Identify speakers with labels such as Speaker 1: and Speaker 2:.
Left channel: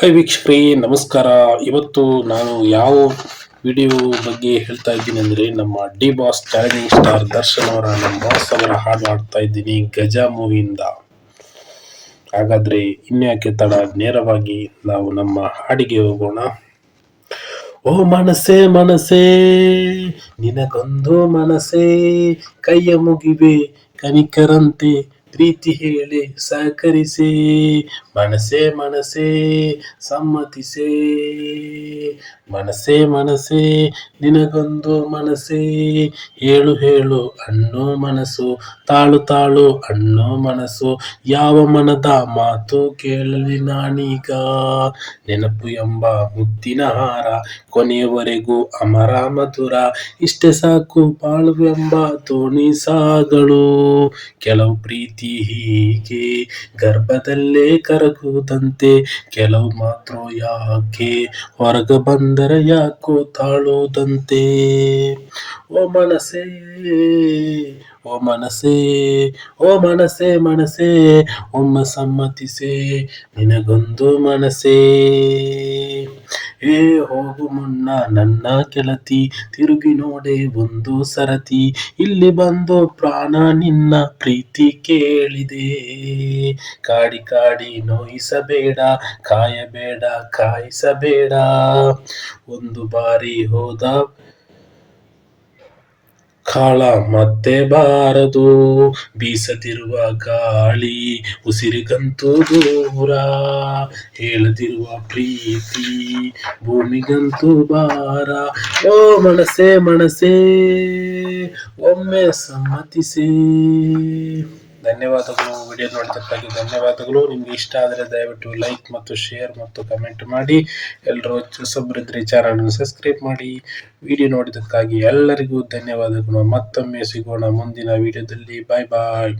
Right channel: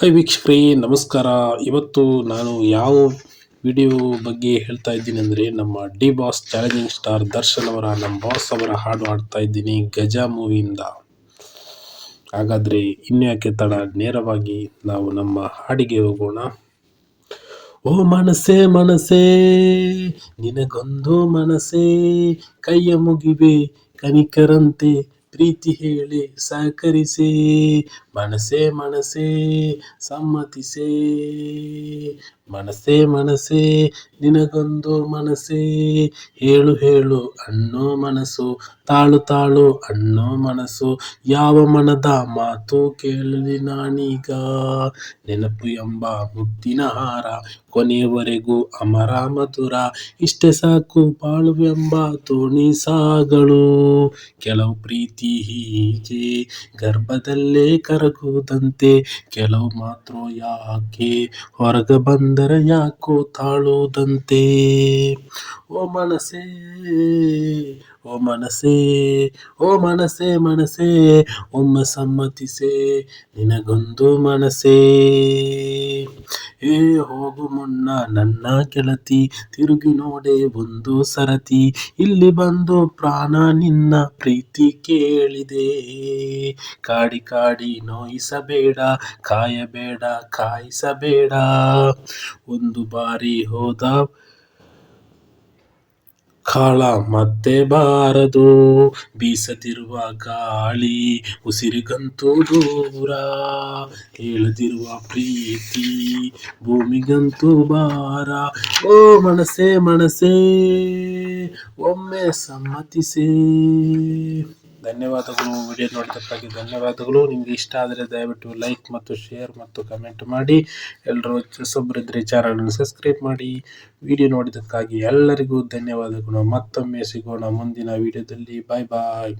Speaker 1: Hi ವೀಕ್ಷಕರೇ, ನಮಸ್ಕಾರ. ಇವತ್ತು ನಾನು ಯಾವ ವಿಡಿಯೋ ಬಗ್ಗೆ ಹೇಳ್ತಾ ಇದ್ದೀನಿ ಅಂದರೆ ನಮ್ಮ D boss challenging star Darshan ಅವರ ನಮ್ಮ ಬಾಸ್ ಅವರ ಹಾಡು ಹಾಡ್ತಾ ಇದ್ದೀನಿ ಗಜ ಮೂವಿಯಿಂದ. ಹಾಗಾದರೆ ಇನ್ಯಾಕೆ ತಡ, ನೇರವಾಗಿ ನಾವು ನಮ್ಮ ಹಾಡಿಗೆ ಹೋಗೋಣ. ಓ ಮನಸೇ ಮನಸೇ ನಿನಗೊಂದು ಮನಸೇ ಕೈಯ ಮುಗಿವೆ ಕನಿಕರಂತೆ ಪ್ರೀತಿ ಹೇಳಿ ಸಹಕರಿಸಿ ಮನಸೇ ಮನಸೇ ಸಮ್ಮತಿಸೇ. ಮನಸೇ ಮನಸೇ ನಿನಗೊಂದು ಮನಸೇ ಹೇಳು ಹೇಳು, ಅನ್ನೋ ಮನಸ್ಸು. ತಾಳು ತಾಳು, ಅನ್ನೋ ಮನಸ್ಸು. ಯಾವ ಮನದ ಮಾತು ಕೇಳಲಿ ನಾನೀಗ. ನೆನಪು ಎಂಬ ಮುತ್ತಿನ ಹಾರ, ಕೊನೆಯವರೆಗೂ ಅಮರ ಮಧುರ. ಇಷ್ಟೇ ಸಾಕು ಬಾಳುವೆಂಬ ತೋಣಿ ಸಾಗಳು. ಕೆಲವು ಪ್ರೀತಿ ಹೀಗೆ ಗರ್ಭದಲ್ಲೇ ಕರಗುವುದಂತೆ ಕೆಲವು ಮಾತ್ರ ಯಾಕೆ ಹೊರಗೆ ಬಂದರೆ ಯಾಕೋ ತಾಳುವುದಂತೆ ಓ ಮನಸ್ಸೇ ಓ ಮನಸ್ಸೇ ಓ ಮನಸ್ಸೇ ಮನಸ್ಸೇ, ಒಮ್ಮೆ ಸಮ್ಮತಿಸೇ, ನಿನಗೊಂದು ಮನಸ್ಸೇ. ಏ ಹೋಗು ಮುನ್ನ ನನ್ನ ಕೆಳತಿ ತಿರುಗಿ ನೋಡೆ ಒಂದು ಸರತಿ. ಇಲ್ಲಿ ಬಂದು ಪ್ರಾಣ ನಿನ್ನ ಪ್ರೀತಿ ಕೇಳಿದೆ. ಕಾಡಿ ಕಾಡಿ ನೋಯಿಸಬೇಡ, ಕಾಯಬೇಡ, ಕಾಯಿಸಬೇಡ. ಒಂದು ಬಾರಿ ಹೋದ ಕಾಳ ಮತ್ತೆ ಬಾರದು, ಬೀಸದಿರುವ ಗಾಳಿ ಉಸಿರಿಗಂತೂ ದೂರ. ಹೇಳದಿರುವ ಪ್ರೀತಿ ಭೂಮಿಗಂತೂ ಬಾರ ಓ ಮನಸೇ ಮನಸೇ ಒಮ್ಮೆ ಸಮ್ಮತಿಸೇ. ಧನ್ಯವಾದಗಳು. ವಿಡಿಯೋ ನೋಡಿದ್ದಕ್ಕಾಗಿ ಧನ್ಯವಾದಗಳು. ನಿಮಗೆ ಇಷ್ಟ ಆದರೆ ದಯವಿಟ್ಟು ಲೈಕ್ ಮತ್ತು ಶೇರ್ ಮತ್ತು ಕಮೆಂಟ್ ಮಾಡಿ. ಎಲ್ಲರೂ ಹೊಸೊಬ್ಬರಿದ್ರೆ ಚಾನಲನ್ನು ಸಬ್ಸ್ಕ್ರೈಬ್ ಮಾಡಿ. ವಿಡಿಯೋ ನೋಡಿದ್ದಕ್ಕಾಗಿ ಎಲ್ಲರಿಗೂ ಧನ್ಯವಾದಗಳು. ಮತ್ತೊಮ್ಮೆ ಸಿಗೋಣ ಮುಂದಿನ ವಿಡಿಯೋದಲ್ಲಿ. ಬಾಯ್ ಬಾಯ್